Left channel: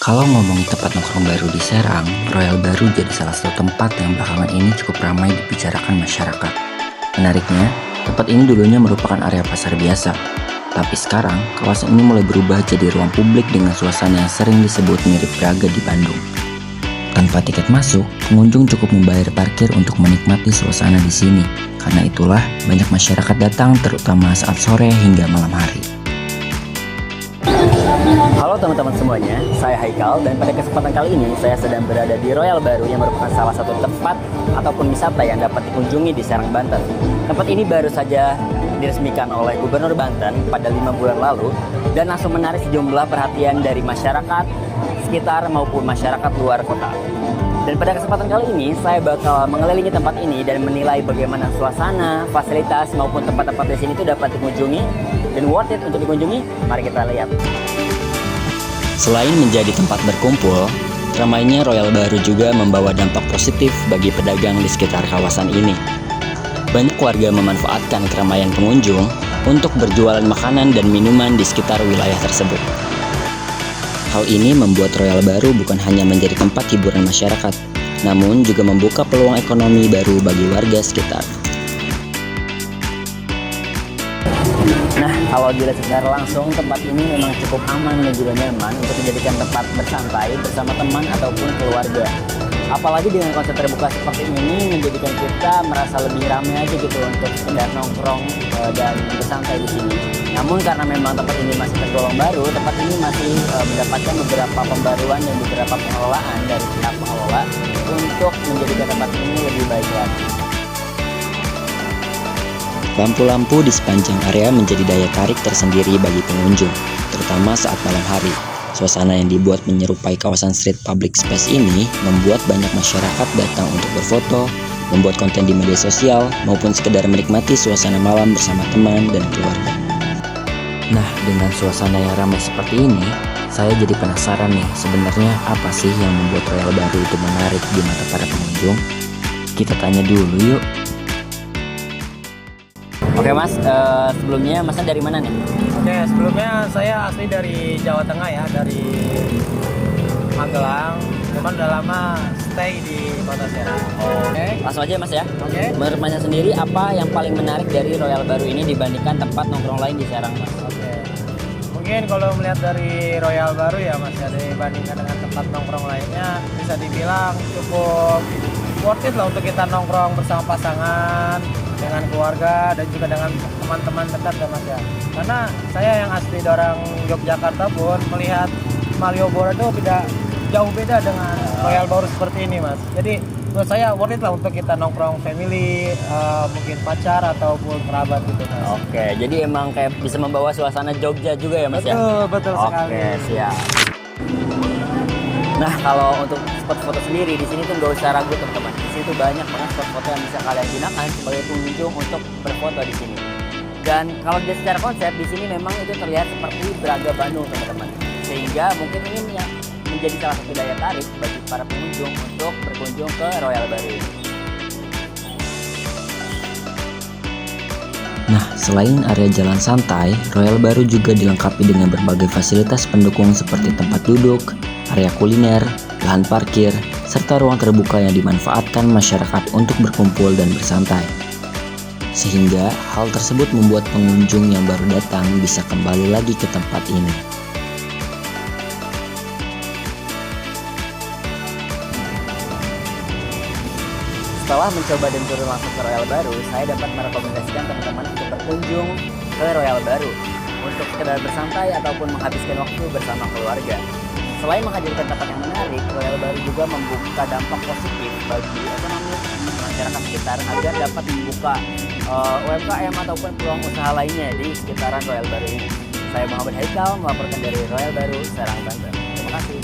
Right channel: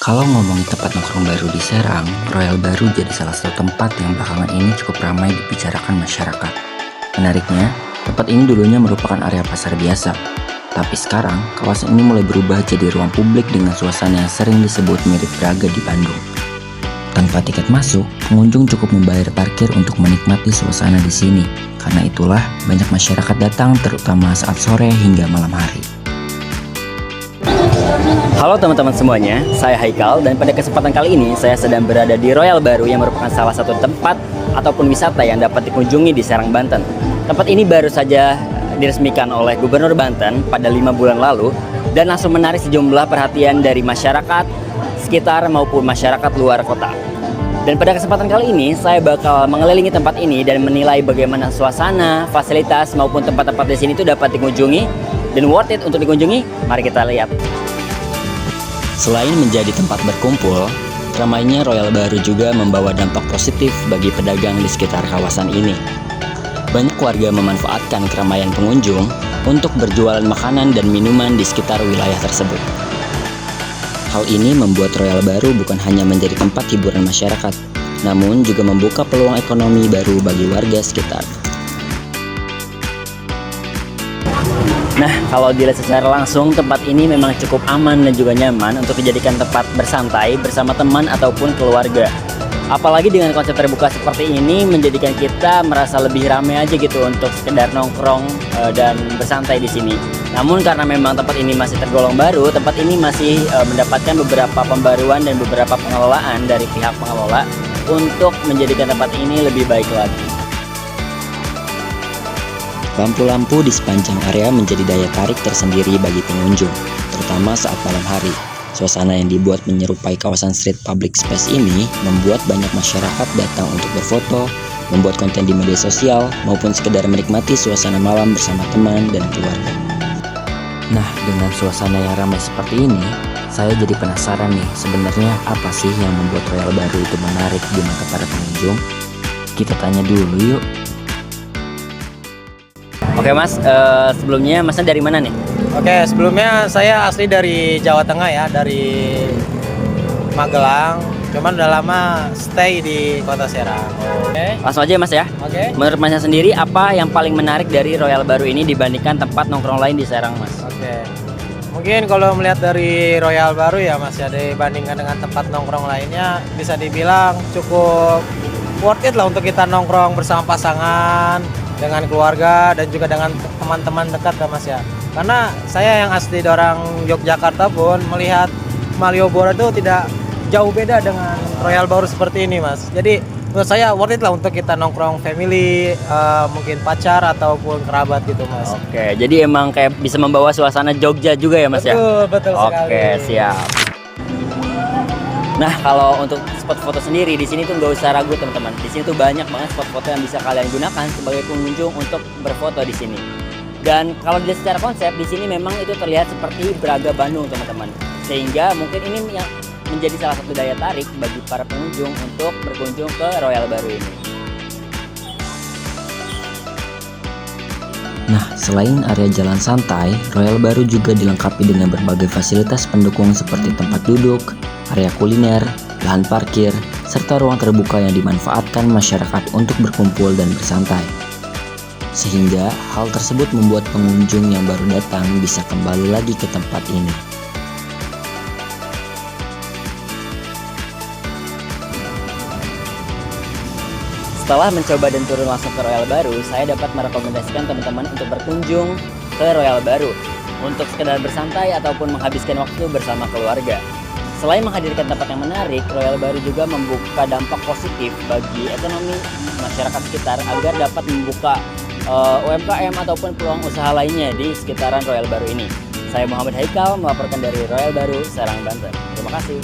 Kalau ngomongin tempat nongkrong baru di Serang, Royal Baru jadi salah satu tempat yang belakangan ini cukup ramai dibicarakan masyarakat. Menariknya, tempat ini dulunya merupakan area pasar biasa. Tapi sekarang, kawasan ini mulai berubah jadi ruang publik dengan suasana yang sering disebut mirip Braga di Bandung. Tanpa tiket masuk, pengunjung cukup membayar parkir untuk menikmati suasana di sini. Karena itulah, banyak masyarakat datang terutama saat sore hingga malam hari. Halo teman-teman semuanya, saya Haikal dan pada kesempatan kali ini saya sedang berada di Royal Baru yang merupakan salah satu tempat ataupun wisata yang dapat dikunjungi di Serang, Banten. Tempat ini baru saja diresmikan oleh Gubernur Banten pada 5 bulan lalu dan langsung menarik sejumlah perhatian dari masyarakat sekitar maupun masyarakat luar kota. Dan pada kesempatan kali ini saya bakal mengelilingi tempat ini dan menilai bagaimana suasana, fasilitas maupun tempat-tempat di sini itu dapat dikunjungi dan worth it untuk dikunjungi. Mari kita lihat. Selain menjadi tempat berkumpul, ramainya Royal Baru juga membawa dampak positif bagi pedagang di sekitar kawasan ini. Banyak warga memanfaatkan keramaian pengunjung untuk berjualan makanan dan minuman di sekitar wilayah tersebut. Hal ini membuat Royal Baru bukan hanya menjadi tempat hiburan masyarakat, namun juga membuka peluang ekonomi baru bagi warga sekitar. Nah, kalau dilihat secara langsung, tempat ini memang cukup aman dan juga nyaman untuk dijadikan tempat bersantai bersama teman ataupun keluarga. Apalagi dengan konsep terbuka seperti ini menjadikan kita merasa lebih ramai aja gitu untuk sekedar nongkrong dan bersantai di sini. Namun karena memang tempat ini masih tergolong baru, tempat ini masih mendapatkan beberapa pembaruan dan beberapa pengelolaan dari pihak pengelola untuk menjadikan tempat ini lebih baik lagi. Lampu-lampu di sepanjang area menjadi daya tarik tersendiri bagi pengunjung, terutama saat malam hari. Suasana yang dibuat menyerupai kawasan street public space ini membuat banyak masyarakat datang untuk berfoto, membuat konten di media sosial, maupun sekedar menikmati suasana malam bersama teman dan keluarga. Nah, dengan suasana yang ramai seperti ini, saya jadi penasaran nih, sebenarnya apa sih yang membuat Royal Baru itu menarik di mata para pengunjung? Kita tanya dulu yuk. Oke mas, sebelumnya masnya dari mana nih? Oke, sebelumnya saya asli dari Jawa Tengah ya, dari Magelang. Cuman udah lama stay di Kota Serang. Oke. Langsung aja mas ya. Oke. Menurut masnya sendiri, apa yang paling menarik dari Royal Baru ini dibandingkan tempat nongkrong lain di Serang mas? Oke. Mungkin kalau melihat dari Royal Baru ya mas ya, dibandingkan dengan tempat nongkrong lainnya, bisa dibilang cukup worth it lah untuk kita nongkrong bersama pasangan, dengan keluarga dan juga dengan teman-teman dekat kan mas ya. Karena saya yang asli orang Yogyakarta pun melihat Malioboro itu tidak jauh beda dengan Royal Baru seperti ini mas. Jadi menurut saya worth it lah untuk kita nongkrong family, mungkin pacar ataupun kerabat gitu mas. Oke, jadi emang kayak bisa membawa suasana Jogja juga ya mas ya? Betul sekali. Oke, siap. Nah, kalau untuk spot foto sendiri di sini tuh nggak usah ragu teman-teman. Di sini tuh banyak banget spot foto yang bisa kalian gunakan sebagai pengunjung untuk berfoto di sini. Dan kalau dilihat secara konsep di sini memang itu terlihat seperti Braga Bandung teman-teman. Sehingga mungkin ini yang menjadi salah satu daya tarik bagi para pengunjung untuk berkunjung ke Royal Baru ini. Nah, selain area jalan santai, Royal Baru juga dilengkapi dengan berbagai fasilitas pendukung seperti tempat duduk, area kuliner, lahan parkir, serta ruang terbuka yang dimanfaatkan masyarakat untuk berkumpul dan bersantai. Sehingga hal tersebut membuat pengunjung yang baru datang bisa kembali lagi ke tempat ini. Setelah mencoba dan turun langsung ke Royal Baru, saya dapat merekomendasikan teman-teman untuk berkunjung ke Royal Baru untuk sekedar bersantai ataupun menghabiskan waktu bersama keluarga. Selain menghadirkan tempat yang menarik, Royal Baru juga membuka dampak positif bagi ekonomi masyarakat sekitar agar dapat membuka UMKM ataupun peluang usaha lainnya di sekitaran Royal Baru ini. Saya Muhammad Haikal melaporkan dari Royal Baru, Serang, Banten. Terima kasih.